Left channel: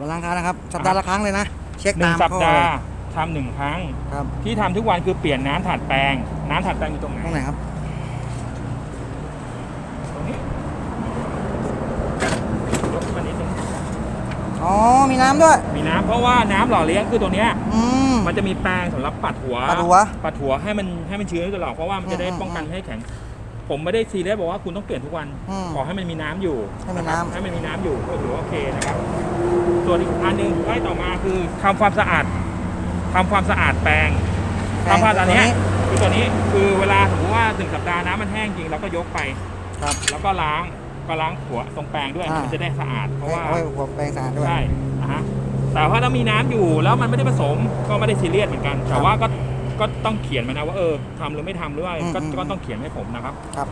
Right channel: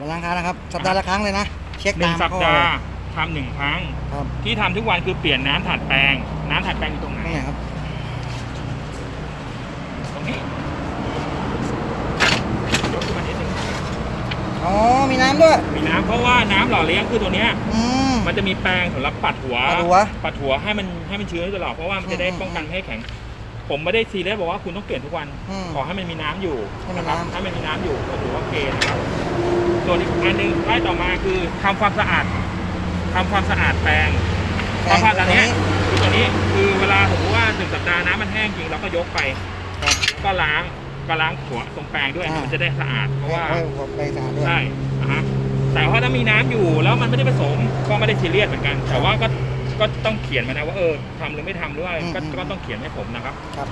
ปดาห์ละครั้งนะครับ สัปดาห์ละครั้งเลยนะ เช็คหนึ่ตางมสัปข้อดาเลยห์ทำหนึ่งครั้ง ครับที่ทำทุกวันคือเปลี่ยนน้ำถัดแปลง น้ำถัดแปลงอยู่ตรงไหน ตรงไหนครับ ตรงนี้ยกขึ้นมานิดนึงอ๋อ มีน้ำด้วย มีน้ำเพราะว่าน้ำหล่อเลี้ยงคือตัวเนี้ย อืม มันจะมีแปรงสำหรับปัดหัว ปัดหัวปัดหัวให้มันให้มันชื้นตลอดเพราะว่ามันจะได้อืมป้องกันไม่ให้แข็ง ผมไม่ได้ซีเรียสบอกว่าคุณต้องเปลี่ยนทุกวัน อืมขอให้มันมีน้ำอยู่ให้มีน้ำให้มันมีน้ำอยู่ก็ถือว่าโอเคนะครับ ส่วนอีกอันหนึงไล่ต่อมาคือทำความสะอาดทำความสะอาดแปรงแปรงทำความสะอาดตัวเนี้ยนี้คือตัวนี้คือเวลาสมมติว่าหนึ่งสัปดาห์น้ำมันแห้งจริงเราก็ยกไป ครับ แล้วก็ล้างก็ล้างหัวตรงแปรงด้วยอ่ามั มันจะได้สะอาดเพราะว่าโอ้ยหัวแปรงสะอาดด้วย ใช่นะฮะแต่ว่าถ้ามีน้ำอยู่แล้วมันไม่ได้ผสมก็ไม่ได้ซีเรียสเหมือนกัน ครับแต่ว่าก็ก็ต้องเขียนมานะว่าเออทำหรือไม่ทำหรือว่าอืมก็อืม ก็ต้องเขียนให้ผมนะครับครับ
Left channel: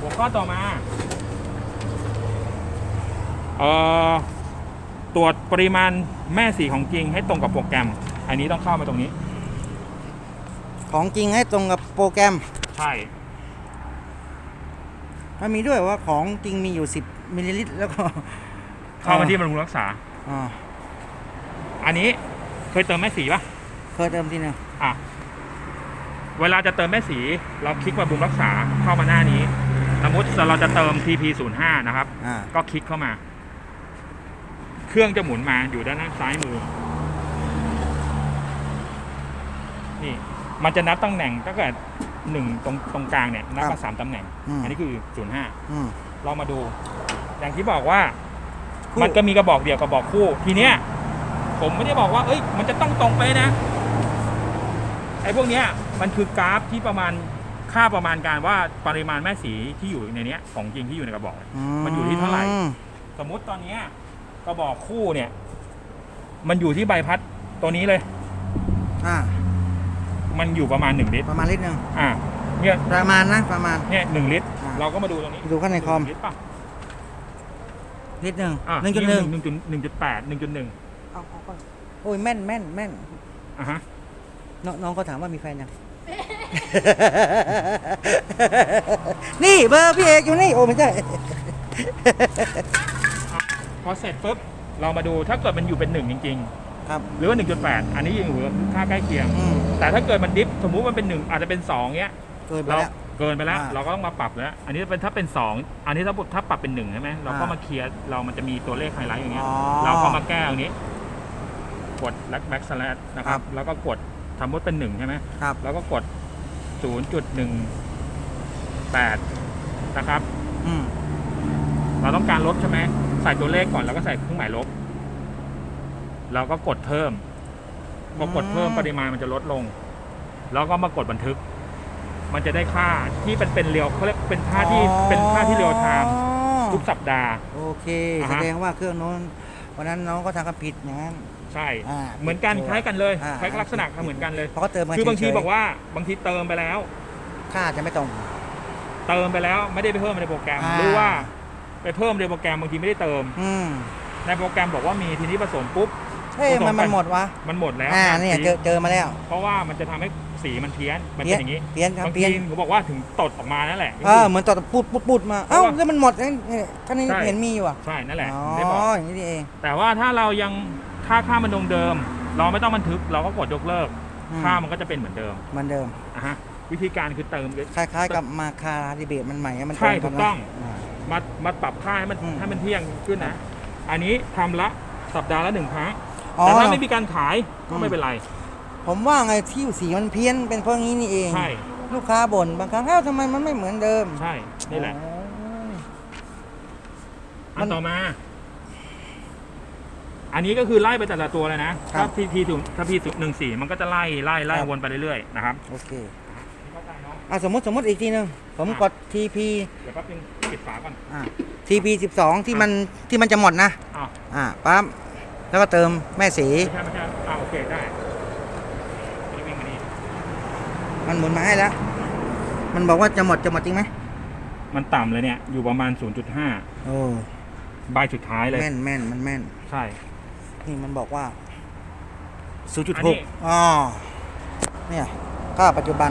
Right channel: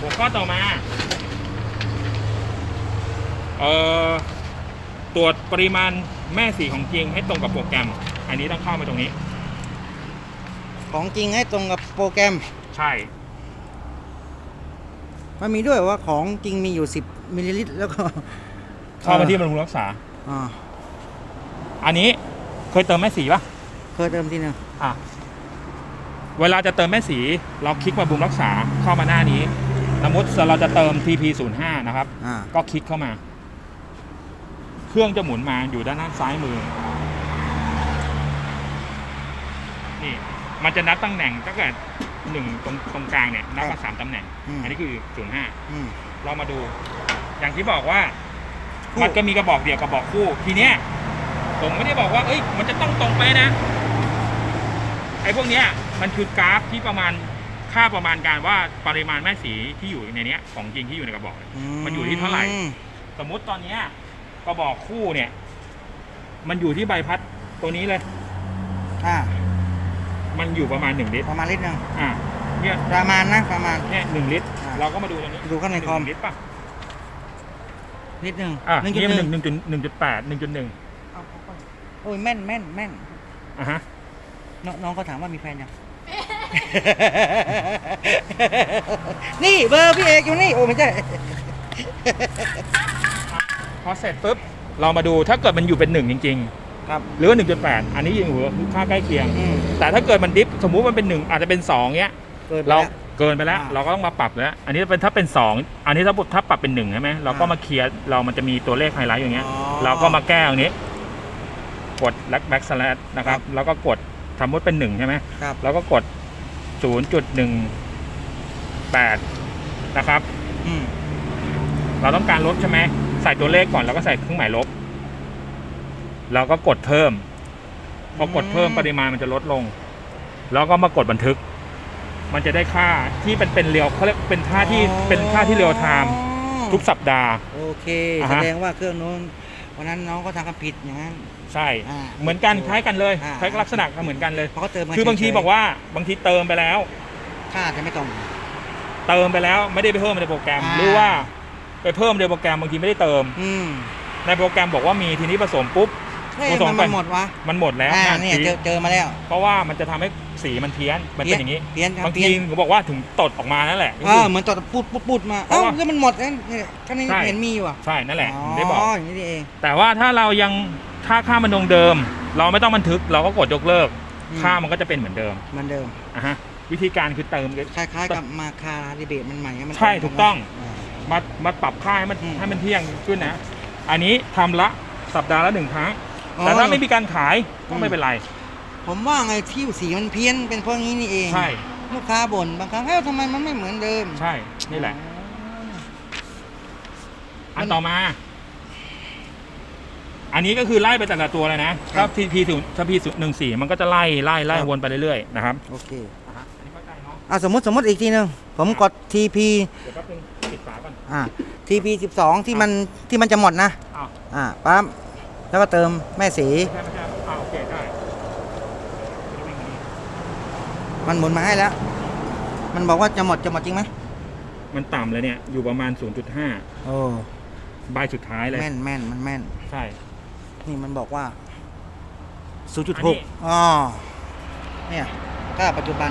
หัวข้อต่อมาเอ่อ ตรวจปริมาณแม่สีของจริงให้ตรงกับโปรแกรม อันนี้ต้องเข้ามาตรงนี้ ของจริงให้ตรงกับโปรแกรม ใช่ มันมีด้วยว่าของจริงมีอยู่ 10มิลลิลิตรแล้วก็เข้ามาที่บำรุงรักษา อ่าอันนี้เคยเติมแม่สีปะเคยเติมทีหนึงอะ เวลาจะเติมแม่สี เราคลิกมาบำรุงรักษาเข้ามาหน้านี้ สมมติเราจะเติม TP 0 5 นะครับ อ่า ก็คลิกเข้ามา เครื่องจะหมุนมาอยู่ด้านหน้าซ้ายมือ นี่ มันจะนับตำแหน่งตั้งแต่หนึ่งตรงตรงกลางเนี่ยนับมาสามตำแหน่ง อืม อันนี้คือศูนย์ห้าอืม เรามาดู อย่างที่บอกว่า คู่ มันก็มีกระบอกเดียวกระบอกคู่ ทีเนี้ย ผมไม่ได้บอกว่า เอ้ย มันจะต้องตรงไปนะ ไอ้พวกเนี้ย มันคือกราฟที่ประมาณ ค่าประมาณการว่าปริมาณแม่สีที่อยู่ในเนี้ย ของจริงที่อยู่ในกระบอก มันอยู่ที่เท่าไหร่ สมมุติตอนเนี้ย กระบอกคู่เนี่ย มันอยู่ที่ใบพัดตัวนี้เลย อ่า มันอยู่ประมาณหนึ่งลิตรประมาณลิตรหนึ่งอ่าเนี่ยประมาณนะประมาณ เนี่ยหนึ่งลิตร อ่าเราก็มาดูตรงนี้ดูข้างในคอม หงลิตรป่ะลิตรหนึ่งอะหนึ่งจุดนี่หหนึ่นึ่งงหนึ่งจุดหนึ่งจุดแปดหนึ่งจุดหนึ่งโอ้ยแม่นแม่นแม่นอะฮะน้องน้องเขาถามว่ามีแฟนยัง นี่เบอร์พี่เอกอยู่นี่ โอ้ไม่ใช่ พอเสร็จปุ๊บเรามาดูถ้าเกิดมันอยู่เป็นหนึ่งจริง ครับ ๆ หรือว่าหนึ่งจุดแปดอันนี้อยู่ค่าใกล้เคียง อืมแต่ถ้าเกิดมันดิฟสมมุติมันเป็นหนึ่งอาจจะเป็นสองเนี้ย เกินไปเราแล้ว เกินไปแล้ว อ่าเราก็ต้องมาปรับแล้ว อันนี้เป็นถ้าเป็นสองอันนี้ถ้าถ้าปรับเป็นหนึ่งใช่ไหมเราก็อ่ามมาเคลียร์เรามันจะมีตัวเลขไฮไลท์อย่างเงี้ย อ๋อเราก็มาแก้ตรงนี้ กดแบ็กแบ็กสแลดนะคครัรับ บ แล้วก็กดสมมติเป็นหนึ่งใช่ไหมครับแล้วก็กดศูนย์จุดหนึ่งแปดนะครับ อืม เราต้องการลบใช่ไหมใส่ตัวเลขก่อนแล้วก็ใส่เครื่องหมายลบ แล้วก็กดเพิ่มพอกดเพิ่มปริมาณมันจะลดลง แล้วก็มากดบันทึก มันจะได้ค่าที่เป็นเป็นเรียวเขาเรียกเป็นค่าที่เป็นค่าที่เรียวไทม์ทุกสัปดาห์ โอเคอ่าแสฮะดงว่าเครื่องโน้นวันนั้นน้องก็ทำกันผิดอย่างนั้นใช่อ่าเหมือนกันคล้ายกันเลยอ่าคล้ายลักษณะเหมือนกันเลยเพราะเขาเติมมาคือบางทีเฉยๆบอกว่าบางทีเติมไปแล้ว ค่าจะไม่ตรง เติมไปแล้วไม่ได้ไปเพิ่มในโปรแกรมอ่าหรือว่า ไปเพิ่มในโปรแกรมบางทีไม่ได้เติม อืมในโปรแกรมบอกว่ามีทีนี้ผสมปุ๊บเฮ้ยผสมมันไปมันหมดวะมันหมดแล้วอ่างานเนี่ยสีเจอเจอมาแล้ว เพราะว่ามันจะทำให้สีมันเพี้ยนมันเพี้เป็ยนนอย่างนี้เพี้ยนครับบางเพี้ยทีนผมบอกว่าถึงตดออกมานั่นแหละเออเหมือนตอดพูดปุ๊บปุ๊บมาเอ้าเพราะว่าแล้วมันหมดเนี่ยก็นี่ใช่เห็นมีอยู่อะใช่นั่นแหละอ๋อได้บอกอย่างนี้นี่เอง แต่ว่าถ้าเรายังค่าค่ามันคงเดิม เราไม่ต้องบันทึกเราก็กดยกเลิกอืมค่ามันก็จะเป็นเหมือนเดิมเหมือนเดิมอะฮะวิธีการคือเติมคล้ายๆกับมาคาดีเบตมันใหม่มันใช่รถูกต้องา มามาปรับค่าให้มันอืมให้มันเที่ยงขึ้นนะ อันนี้ทำละสัปดาห์ละหนึ่งครั้งอ๋อ แต่ถ้าไม่มีการขายก็อืมไม่เป็นไร ผมว่าไงที่สีมันเพี้ยนเป็นเพราะงี้นี่เอง ใช่ ลูกค้าบ่นบางครั้งเอ้าทำไมมันไม่เหมือนเดิมใช่ นี่แหละอ๋ออันต่อมา อันนี้ก็คือไล่ไปแต่ละตัวเลยนะถ้าพีพีถึงถ้าพีหนึ่งสี่มันก็จะไล่ไล่ไล่วนไปเรื่อยๆนะครับ โอเค อะสมมติสมมติอีกทีหนึ่งผมกด TP เดี๋ยวแป๊บนึงปิดฝาก่อนอ่า TP 12 ที่มันที่มันจะหมดนะ อ้าวอ่าปั๊บแล้วก็เติมแม่สีไม่ใช่ไม่ใช่อ่าโอเคได้แล้ววิ่งมานี่มันหมุนมาให้แล้ว มันบอกว่าจะหมดจะหมดจริงไหมมันต่ำเลยเนี่ย อยู่ประมาณ 0.5 โอ้ใบสุดท้ายเลย แม่นแม่นมันแม่น ใช่ นี่มันบอกว่า อันนี้ 0.6อ๋อเนี่ยค่าปัจจุบัน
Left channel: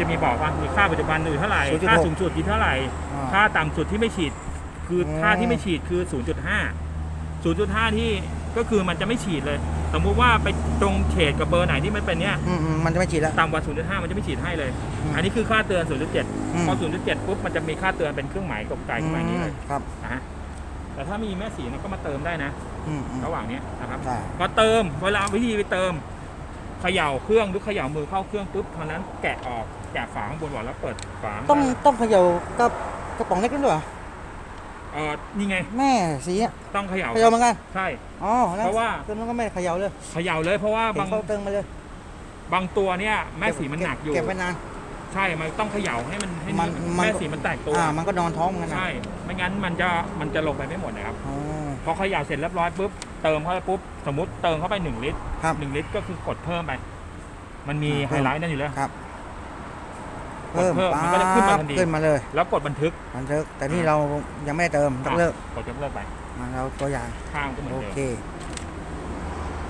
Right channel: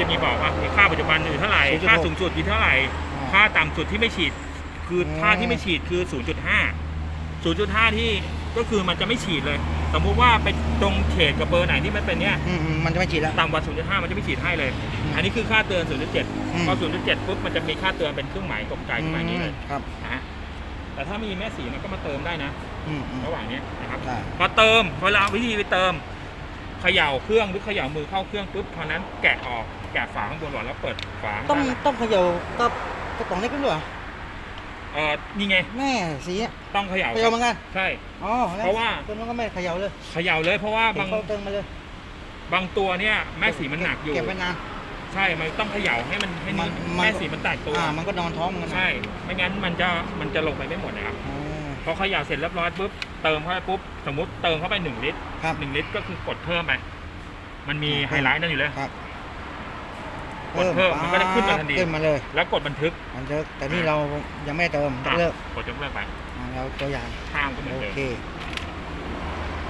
จะมีบอกว่ามีค่าปัจจุบันอยู่เท่าไหร่ 0.6ค่าสูงสุดอยู่เท่าไหร่ อ่าค่าต่ำสุดที่ไม่ฉีด คืออืมค่าที่ไม่ฉีดคือ 0.5 0.5 ที่ก็คือมันจะไม่ฉีดเลย สมมุติว่าไปตรงเฉดกับเบอร์ไหนที่มันเป็นเนี้ย อืมอืมมันจะไม่ฉีดแล้ว ต่ำกว่า 0.5 มันจะไม่ฉีดให้เลย อืมอันนี้คือค่าเตือน0.7อืมพอ 0.7 ปุ๊บ มันจะมีค่าเตือนเป็นเครื่องหมายกลมไกลขึ้นมาอย่างนี้เลยครับนะฮะแต่ถ้ามีแม่สีมันก็มาเติมได้นะ อืมอืม ระหว่างนี้นะครับ ได้ พอเติมเวลาวิธีไปเติม เขย่าเครื่องหรือเขย่ามือเข้าเครื่องปุ๊บเท่านั้นแกะออกแกะฝาข้างบนก่อนแล้วเปิดฝาต้องต้องเขย่ากับกระป๋องเล็กด้วยเหรอเออนี่ไงแม่สีอะต้องเขย่าเขย่าเหมือนกันใช่ อ๋อแล้วเพราะว่า ตัวนู้นก็ไม่เขย่าเลยเขย่าเลยเพราะว่าผมบางเข้าเติมมาเลยบางตัวเนี่ยแม่สีมันหนักอยู่เก็บไว้นานใช่มันต้องเขย่าให้มันให้มันมันแม่สีมันแตกตัวอ่ามันก็นอนท้องเหมือนกันนะใช่ไม่งั้นมันจะมันจะลงไปไม่หมดนะครับอ๋อ พอเขย่าเสร็จเรียบร้อยปุ๊บเติมเข้าไปปุ๊บสมมติเติมเข้าไปหนึ่งลิตรครับหนึ่งลิตรก็คือกดเพิ่มไป มันมีอ่าไฮไลท์นั่นอยู่แล้วครับกดเพิ่มมันก็จะขึ้นมาทันทีขึ้นมาเลย แล้วกดบันทึกมันเลิกแต่นี่เรายังไม่ได้เติมต้องเลิกกดยกเลิกไปอ่าเราตัวอย่างข้างก็เหมือนโอเดิมเค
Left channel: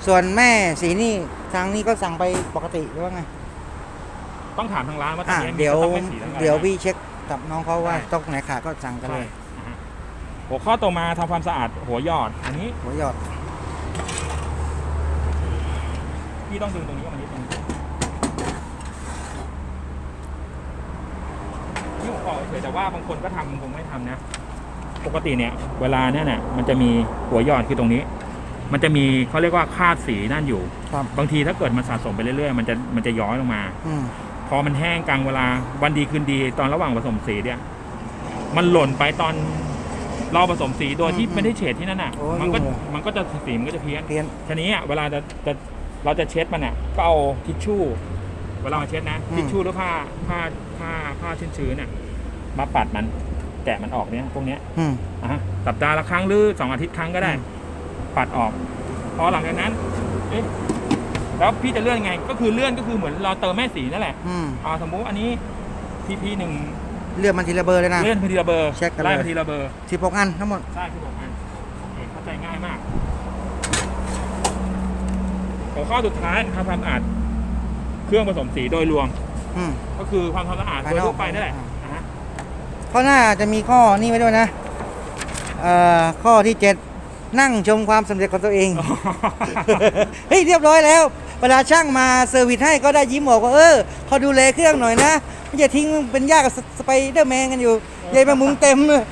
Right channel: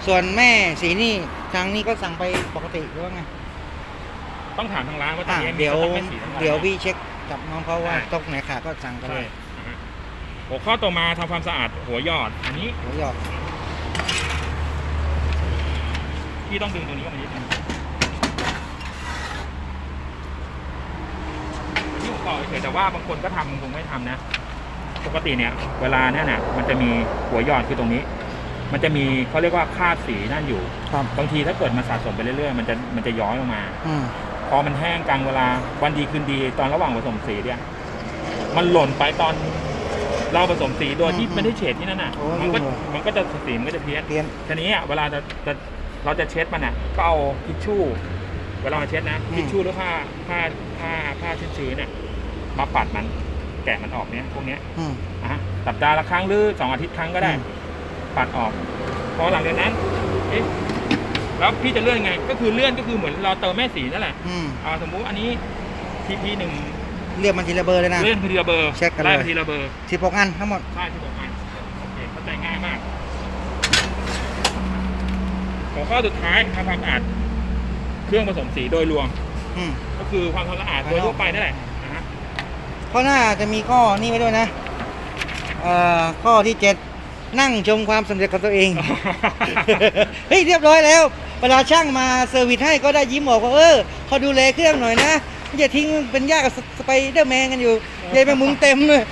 ส่วนแม่สีนี่ทางนี้ก็สั่งไปปกติหรือว่าไงต้องถามทางร้านว่าตรอ่างนี้เดี๋ยวต้องไม่สีทั้งร้านเดี๋ยวพี่เช็คกับน้องเขาว่าใช่ต้องไหนขาดก็สั่งกันใช่เลยนะฮะ หัวข้อต่อมาทำความสะอาดหัวหยอด อันนี้หัวหยอดพี่ต้องดึงตรงนี้ออกมานิดนึงนี่ผมบอกเฉยๆแต่ว่าบางคนก็ทำบางคนไม่ทำนะ ปกติเนี่ย เวลาเนี่ยน่ะมันจะมีหัวหยอดคือตรงนี้ มันจะมีเขาเรียกว่าคราดสีนั่นอยู่ ครับบางทีถ้าเกิดมันสะสมไปเรื่อยๆ มันจะมันจะย้อยลงมา อืมพอมันแห้งกลางเวลาวันดีคืนดีตอนระหว่างผสมสีเนี่ย มันหล่นไปตอน เราผสมสีโดยที่อืมไม่ได้เฉดที่นั่นน่ะ โอ้มันก็ยุ่งเลยมันก็จะสีมันก็จะเพี้ยนเปลี่ยนทีนี้อะเวลาจะจะเราจะเช็ดมันอะก็เอาทิชชู่เวลาเราเช็ดนะอืม ทิชชู่หรือผ้าผ้าผ้าผ้าชื้นๆเนี่ยมาปัดมันแกะมันออกเนี่ยพวกเนี้ยอืมนะฮะสัปดาห์ละครั้งหรือสองอาทิตย์ครั้งก็ได้ อืม ปัดออกพอหลังจากนั้นเอ๊ะแล้วพี่จะเลื่อนไง ก็คือเลื่อนก็คือเหมือนเราเติมแม่สีนั่นแหละ อืม อ่าสมมุติอันนี้ TP หนึ่ง เลือกมันทีละเบอร์เลยนะ เลื่อนทีละเบอร์เช็คกันเลยไทีละเบอร์สิบหกอันทั้งหมด ใช่ที่บอกมาโอเคเข้าใจง่ายมากหัวข้อสุดท้ายทำความสะอาดเครื่องผสมสีโดยรวม อืม ก็คือความสะอาดภายโดยนอกทั่วไปนั่นแหละนะฮะข้อหน้าจะมีข้อนี่ไว้ด้วยนะ เอ่อ ข้อที่เจ็ดนั่งชมความสำเร็จของตัวเอง เฮ้ยเรียบร้อยแล้ว เวลาช่างมาเซอร์วิสให้ก็ได้ยิ้มบอกว่าเออเขาดูแลเครื่องหน่อยนะ ไม่จะทิ้งเป็นยากกับสไปเดอร์แมนกันอยู่ยายแมงมุมเต็มเลย